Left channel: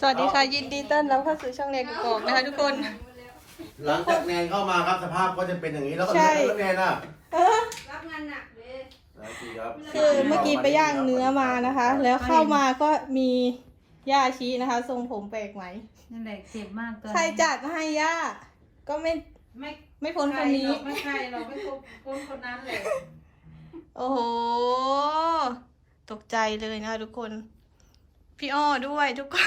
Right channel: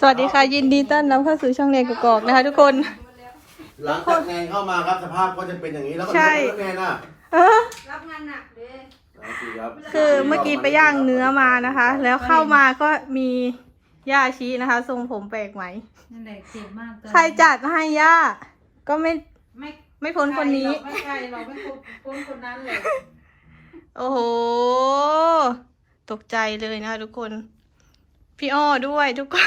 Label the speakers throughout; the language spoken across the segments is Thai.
Speaker 1: สวัสดีค่ะยินดีต้อนรับเข้าสู่ช่องเรียนกกอกนะคะทุกคน
Speaker 2: หลังจากแนนเข้ามาครับสภาพก็จะเป็นอย่างนี้แล้วก็
Speaker 1: ใช่
Speaker 2: แนนอ่ะ
Speaker 3: รับงานหนักเลย
Speaker 1: คือเมื่อกี้ไปย่างเนื้อมานะคะ แล้วเข้ามาก็มีย่าชี้นะคะ ทรงผมแปลกไหม
Speaker 3: นั่นแหละเจ็บมากตอน
Speaker 1: ใครจัดมาให้ย่าก็ไม่
Speaker 3: ไม่
Speaker 1: ไม่พ้นคนนี้
Speaker 3: ไม่ใช่เราไม่พ้นคนนั้นเลย
Speaker 1: โอ้โห ตกใจเลยนะคะทุกคน พี่อ้อด้วยทุกคน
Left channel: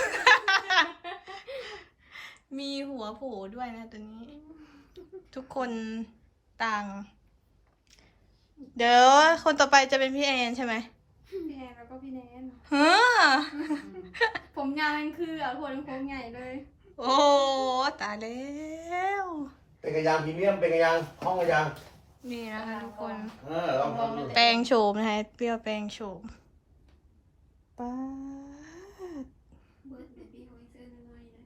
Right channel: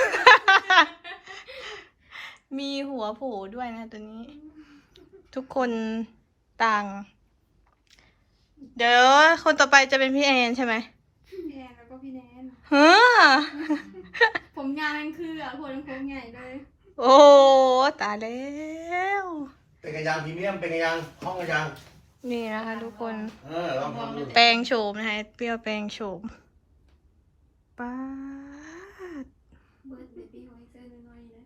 Speaker 1: มีหัวโผล่ด้วยนะตัวนี้ ทุกคนต่าง เดี๋ยวคนต่อไปจะเป็นพี่แอนใช่ไหม
Speaker 4: พี่แอนแล้วก็พี่แนน
Speaker 1: ฮะ
Speaker 4: ผมยาวนั่นคือคนโค้งใหญ่เลย
Speaker 1: โอ้ตายแล้ว
Speaker 2: เป็นกระยางพรีเมียมเป็นกระยางห้องกระยาง
Speaker 1: นี่นะคะทุกคน
Speaker 2: ลองทำดู
Speaker 1: แปลงโฉมนะคะเปรี้ยวแปลงโฉมป้าด
Speaker 4: เบิร์ดเบบี้ของเซอร์น้อยๆนะ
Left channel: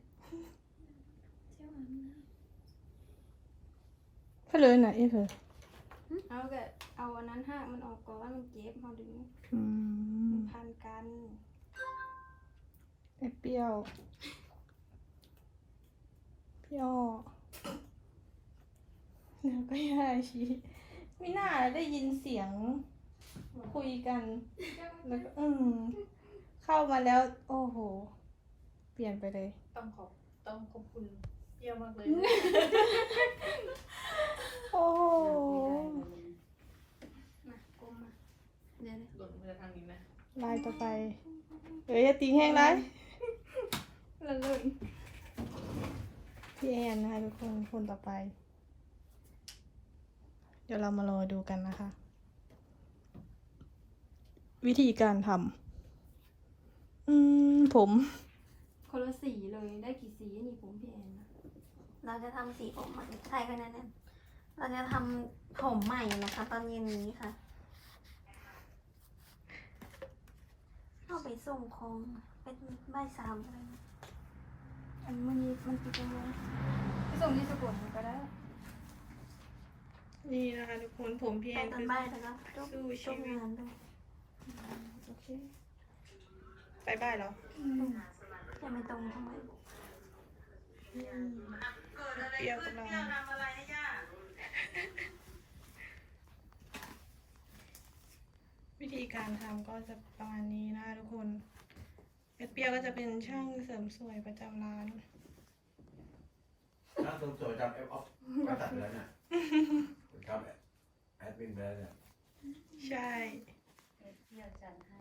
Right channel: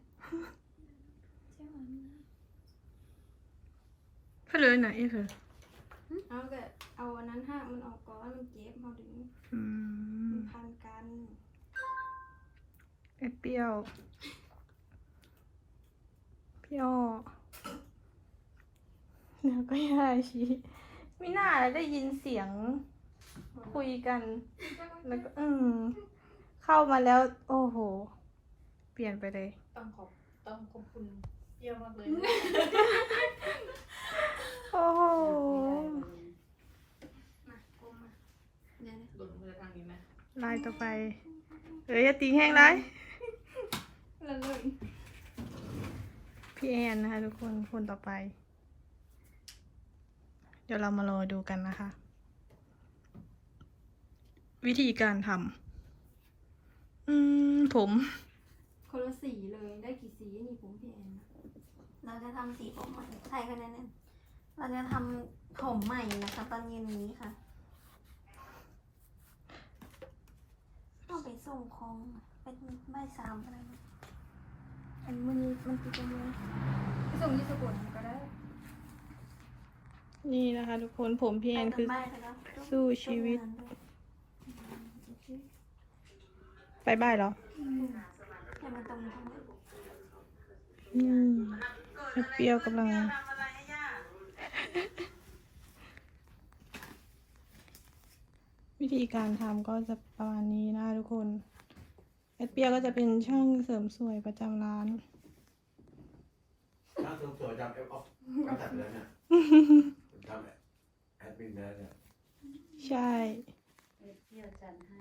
Speaker 1: เพื่อเลยหน่อยเพื่อ
Speaker 4: เอาก็เอาอันนั้นหักมันออกก่อนมันเจ็บเขาดึง
Speaker 1: อืม
Speaker 4: มันพันกัน
Speaker 1: ไอ้เปรี้ยวพี่อ้อแล้วก็ยาชีไม่น่าได้ยินเสียงคุยกัน แล้วก็เข้ามาแล้ว โอ้โห เปลี่ยนไปเลย
Speaker 3: ต้องขอบคุณเยี่ยมมากเลย
Speaker 1: โอ้โห
Speaker 4: นะกลมมาเดี๋ยวนะ
Speaker 3: หล่นมาทางนี้นะ
Speaker 1: ลายต่อไป อย่าตีแห้งไร
Speaker 4: ละเลย
Speaker 1: พี่แอนนะคะทุกคนคนต่อไป เดี๋ยวเรามารอดูกันนะคะ วิธีการทำผม
Speaker 4: คนละสีเลยได้กี่สีนี่ผมพี่แอนนะ
Speaker 5: เราจะทำสีผมใหม่ใช่ค่ะนั่นนเราจะทำผมใหม่นะคะ ตอนเย็นนี้ค่ะเอาไปส่งของเป็นบ่ายสามอะไรนะ
Speaker 4: อันมันติดตรงนี้ไปส่งที่สกุลก็ได้
Speaker 1: นี่นะคะทุกคนผมพี่แอ
Speaker 5: ไป
Speaker 1: น
Speaker 5: ตอ
Speaker 1: คื
Speaker 5: น
Speaker 1: อ
Speaker 5: บ่ายค่ะเนาะ
Speaker 1: สู้ชีวิต
Speaker 5: งานด้วย
Speaker 4: โอเค
Speaker 1: ไปบ้านเหรอ
Speaker 5: อย่ามาตรงทำไม
Speaker 1: เปรี้ยวกำลัง วิธีการทำก็จะประมาณนี้นะทุกคนไอเปรี้ยวก็จะเป็นช่างเสริมสวยประจำร้าน
Speaker 2: ช่างเสริมสวยจำเอฟออฟก็ตัดไปแล้วเนี่ยจำแอดมินไปแล้วเนี่ย
Speaker 1: ใช่
Speaker 3: เที่ยวจันให้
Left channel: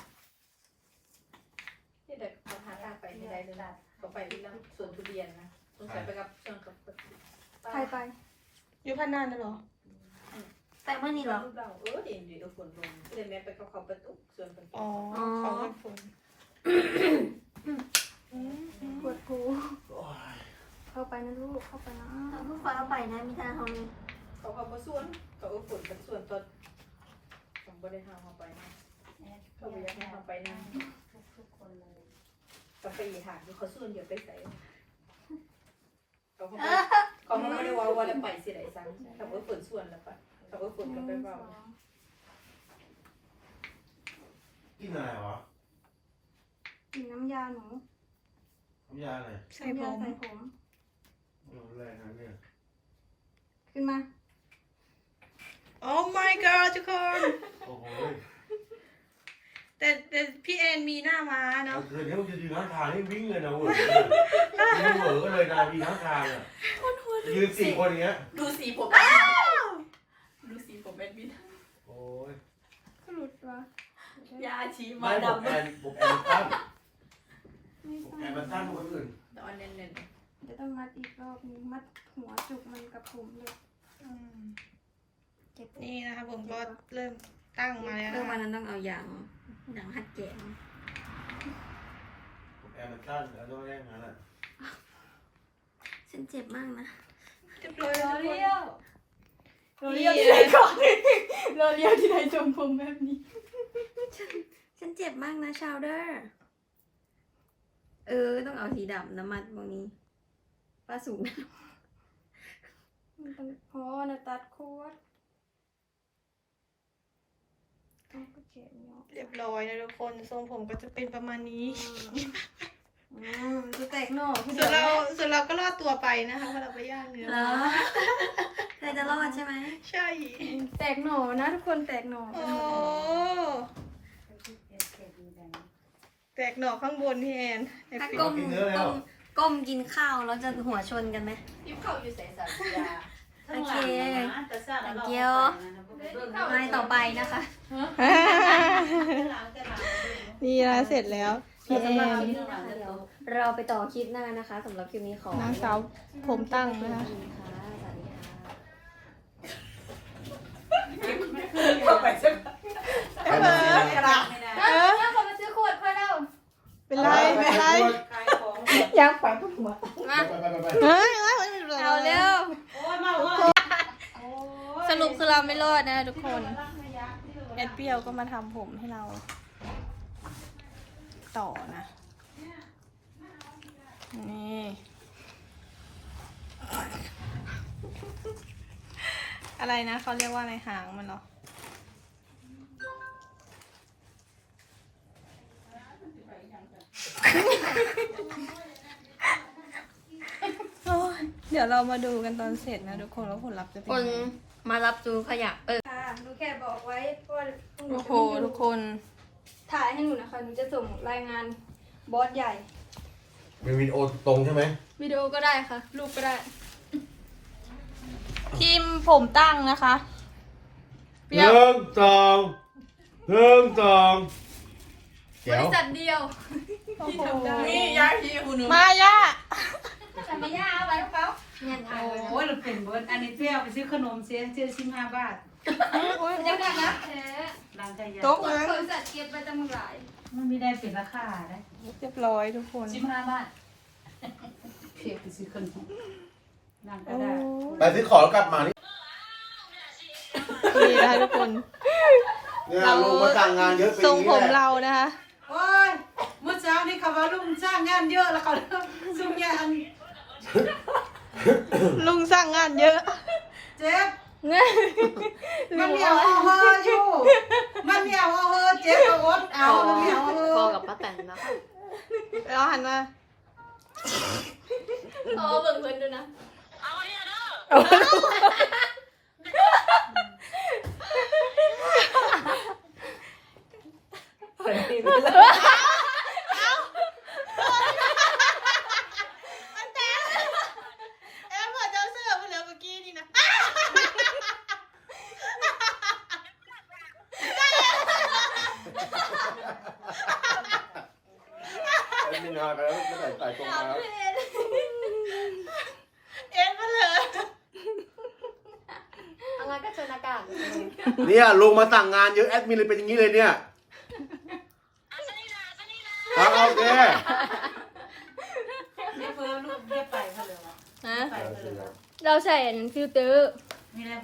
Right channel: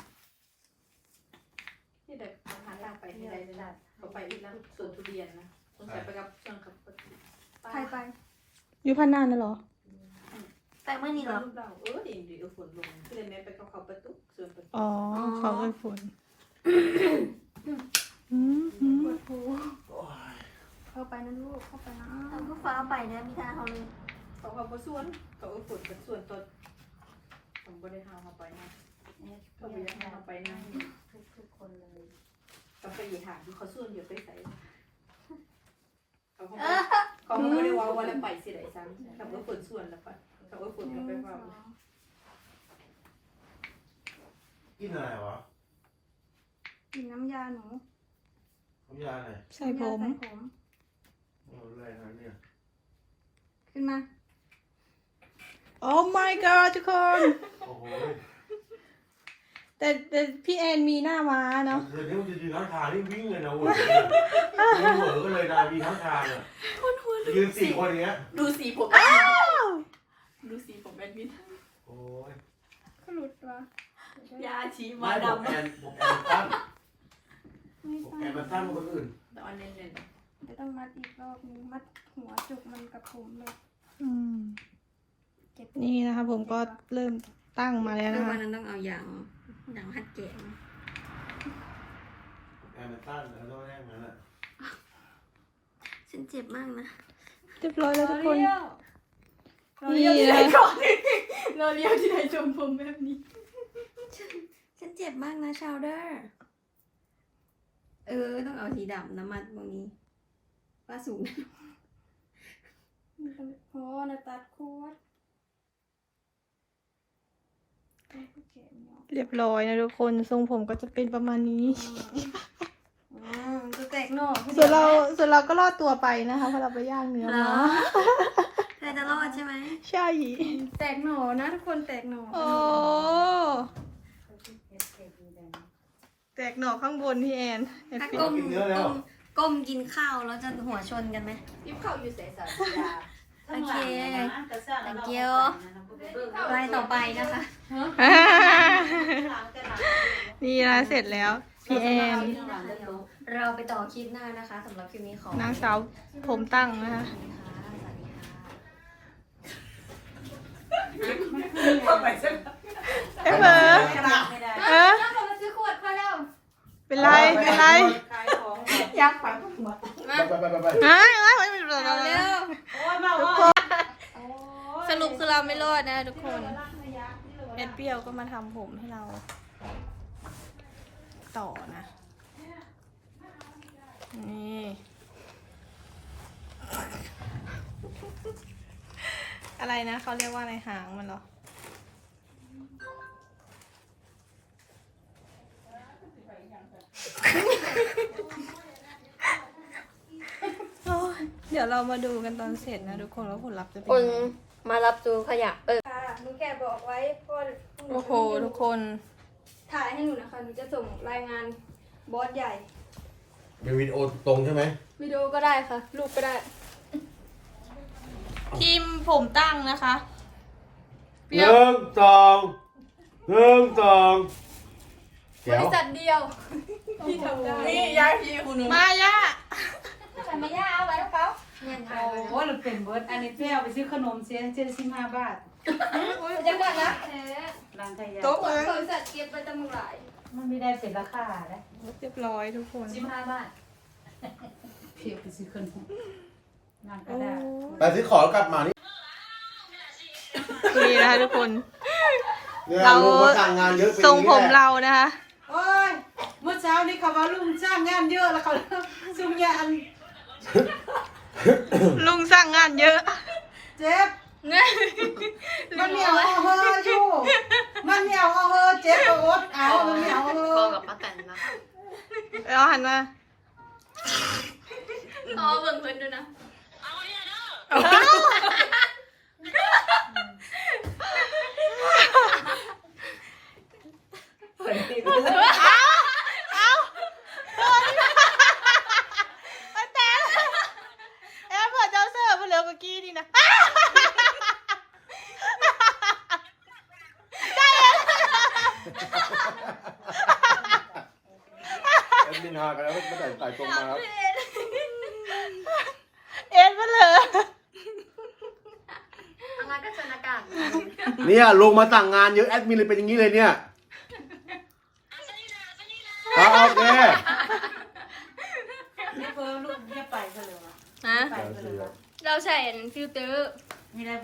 Speaker 3: ที่เด็กทำงานลาไปที่ใดเลยนะก็ไปที่ร้านสวนทุเรียนนะต้องใส่ไปกับส่วนกับ
Speaker 4: ใครไป
Speaker 1: อยู่พันนานนะเหรอ
Speaker 5: แต่เมื่อนี้เหรอ
Speaker 3: ลูกเราดีฝนลงก็เลยแม่ไปกับเขาประตูส่วนประตู
Speaker 1: อ๋อเขาเป็นผล
Speaker 4: ปวดหูเข้าไปนะลูกเข้าไปนะ
Speaker 5: เราก็ฟ้าเอาไปนะมีทางเขาเลย
Speaker 3: เขาก็ส่วนก็ฝนกับส่วนตอนผมก็ได้ทำเขาไปนะเขาไปยังทำไปนะทุกคนเลยก็ไปหาดูเขาส่วนเดี๋ยวไปใส่เขาไม่ได้ว่าเราไปสิไหนซ้ำเขาก็ฝนส่วนแล้วปะเขาก็ฝนกันไปว่า
Speaker 2: กินอะไรวะ
Speaker 4: กินน้ำยาหนู
Speaker 2: น้ำยาอะไร
Speaker 1: ใส่ผม
Speaker 4: น้ำยาใส่ผม
Speaker 2: แรงนะเนี่ย
Speaker 4: ขึ้นมา
Speaker 1: โอ้ my god ทุกคน
Speaker 2: โอ้โห
Speaker 1: แต่พี่แอนมีหน้าม้าเนาะ
Speaker 2: เดี๋ยวนี้มันจะยืนข้างทางนี่วิ่งเลยนะเว้ยยืนเหวอก็เลยนะวิ่งข้างทางอ่ะยืนสี่คนอย่างเงี้ย
Speaker 3: ดูสีผมดูสีผมเป็นวิน
Speaker 2: โอ้ย
Speaker 4: ก็หลุดวะ
Speaker 3: ยาชี
Speaker 2: ไม่
Speaker 3: มา
Speaker 2: ผม
Speaker 3: ดำ
Speaker 2: แอนผมแอนตั้ง
Speaker 4: ไม่
Speaker 2: ผม
Speaker 4: ใช่
Speaker 2: แอนมาตั้งคนอื่น
Speaker 3: ตอนเน้น
Speaker 4: จะต้องมัดอีกรอบนึงมัดหัวจุกมันกับผมเลย เจ็บ
Speaker 1: นี่นะคะผมก็เริ่มตั้งมาแล้ว
Speaker 5: เรื่
Speaker 1: นะ
Speaker 5: องวัน
Speaker 1: คะ
Speaker 5: นั้นต้องเอาอย่างหัดแกะมา
Speaker 2: ผมแอนมาตั้งแล้วต้องไม่ได้งั้นอ่ะ
Speaker 5: ฉันเจ็บมากนะ
Speaker 1: เรียบร้อยแล้วทุกคน
Speaker 4: เราเลี้ยวที่ไหนก่อนเราเลี้ยวที่ไหนจมผมแบบนี้
Speaker 5: ฉันเจ็บมากนะชาวเดอร์ต้องเอาสีดำน้ำมันพวกนี้ป้าสูงนะ
Speaker 4: มันต้องโอ้นาตัดโคตรต้องก็เจ็บเนาะ
Speaker 1: เรียบร้อยนะทุกคนทรงผมก็จะเป็นประมาณนี้
Speaker 4: อืมกหน่อที่
Speaker 1: ส่วนเราก็รอดตัวไปนะคะเพราะเราไปย่างเนื้อ
Speaker 5: เหรอ
Speaker 1: มา
Speaker 5: เธอจะรอดใช่ไหม
Speaker 1: ใช่
Speaker 4: แตกหน่อนะทุกคนแตกหน่อ
Speaker 1: โอ้แตกหน่อข้างบนพี่แอนไอ้
Speaker 5: ถ้า
Speaker 1: ปิ๊
Speaker 5: ก้มกินข้าวแล้วจะหัวชนกันไหม
Speaker 3: ยิ้มเข้าอยู่ใส่สารยา
Speaker 5: โอเค thank you ไปต่อไปนะคะ
Speaker 1: นี่นะเสร็จแล้วพี่แอน
Speaker 5: เราไปต่อคลิปหน้านะคะสำหรับคลิปนี้ของ
Speaker 1: นางสาวผมตั้งนะคะ
Speaker 3: เข้าไปสัก
Speaker 1: เอ้ยเบอร์
Speaker 3: กระดาษไม่ได้
Speaker 1: เออ
Speaker 4: แล้วเรามาซื้อขวดไปแล้ว
Speaker 1: เป็นไรเป็นไร
Speaker 3: ขายของยักษ์ไปหมด
Speaker 5: มา
Speaker 1: เฮ้ยเฮ้ยไม่เป็นไร
Speaker 4: เอาเร็ว
Speaker 3: โอ้ยมา
Speaker 1: ทุก
Speaker 3: โอ้
Speaker 1: ค
Speaker 3: ย
Speaker 1: นสรุปคือเราไม่รอดนะทุกคนแอดเปรี้ยวก็มาทำผมให้เรา ต่อนะ นี่ อะไรนะเขาเรียกว่าอะไรหางมันเหรอ โอ้ยเดี๋ยวเรามาดูกันตอนเสร็จนะทุกคนว่าผลลัพธ์จะเป็น
Speaker 5: คน
Speaker 1: ยังไง
Speaker 5: มารับดูขยะ
Speaker 4: ค่ะหนูแค่บอกไว้พ่อ
Speaker 1: โอ้โหทุกคน
Speaker 4: ถ่ายให้หนูนะคะหนูจะส่งรายงานบอสใหญ่
Speaker 2: เป็นวิดีโอตรงใช่ไหม
Speaker 4: วิดีโอก็ได้ค่ะ รูปก็ได้
Speaker 1: ทีมผมตั้งนะคะเป
Speaker 2: ห
Speaker 1: รี้ยว
Speaker 2: นึ่งสองหนึ่งสอง
Speaker 4: บ
Speaker 2: เดี๋ยว
Speaker 4: ริษัทเดียวที่ทำได้
Speaker 3: นี่ย้ายที่คุณหนู
Speaker 1: มาย่า
Speaker 4: ทำไม่ยากเอาไว้ให้เขา
Speaker 5: เงินถ่าย
Speaker 3: โอ้ยเราเป็นเบิร์ดอันนี้เปรี้ยวไปซื้อขนมเสียเจ็ดสิบห้าบาท
Speaker 4: ยังไงนะ
Speaker 3: ดังขยะ
Speaker 1: โต๊ะ
Speaker 4: บ
Speaker 1: มั้ง
Speaker 4: ริษัทเก็บไว้จำนวนหลาย
Speaker 3: มันไม่ได้เป็นราคานะ
Speaker 1: เรียบร้อยทุกคน
Speaker 3: 15 บาทเพียบไปซื้อขนมดังกระ
Speaker 1: โอ้
Speaker 3: ดาษ
Speaker 2: แต่ซื้อของแล้วกลับมานี่
Speaker 1: นี่นะคะทุกคน
Speaker 2: เนี่ย
Speaker 1: เรา
Speaker 2: ลุงก็จ้างงานเยอะเป็น
Speaker 1: ทรงผม
Speaker 2: อย่
Speaker 1: เรานะคะ
Speaker 3: โอ้ยเมื่อเช้านี้เขาว่าลุงสร้างงานเยอะแล้วเขาซุ่มยาอัน
Speaker 1: ลุงสร้างงานเยอะ
Speaker 3: เจ็บมันเหนียวเอาเฮออยู่มันเหนียวเอาเฮอเจ็บก็อดเอามันเหนียวเอาเฮอ
Speaker 5: บอกกับป้าแตนนะ
Speaker 1: เราหันมา
Speaker 4: อ๋อเบิ่งเพิ่นดูนะ
Speaker 1: มันแต่แอมพอเจ้าเสิร์ฟมาเหลือเมื่อกี้นี่นะ
Speaker 2: ไอ้นี่ฮาไปแล้วไม่ใส่ตรงมา
Speaker 1: เอ็นมาเหลือ
Speaker 5: อะไรก็เชิญอากาศ
Speaker 2: เนี่ยลุงมาสั่งงานเยอะแอดมินเลยเป็นอย่างนี้เลยเนี่ยเอาโอเค
Speaker 3: เนี่ยเพิ่มลูกเนี่ยไปเขาเลย
Speaker 1: ฮะ
Speaker 3: ไปเขาเลย
Speaker 4: เราใส่อันฟิลเตอร์
Speaker 3: นี่แหละ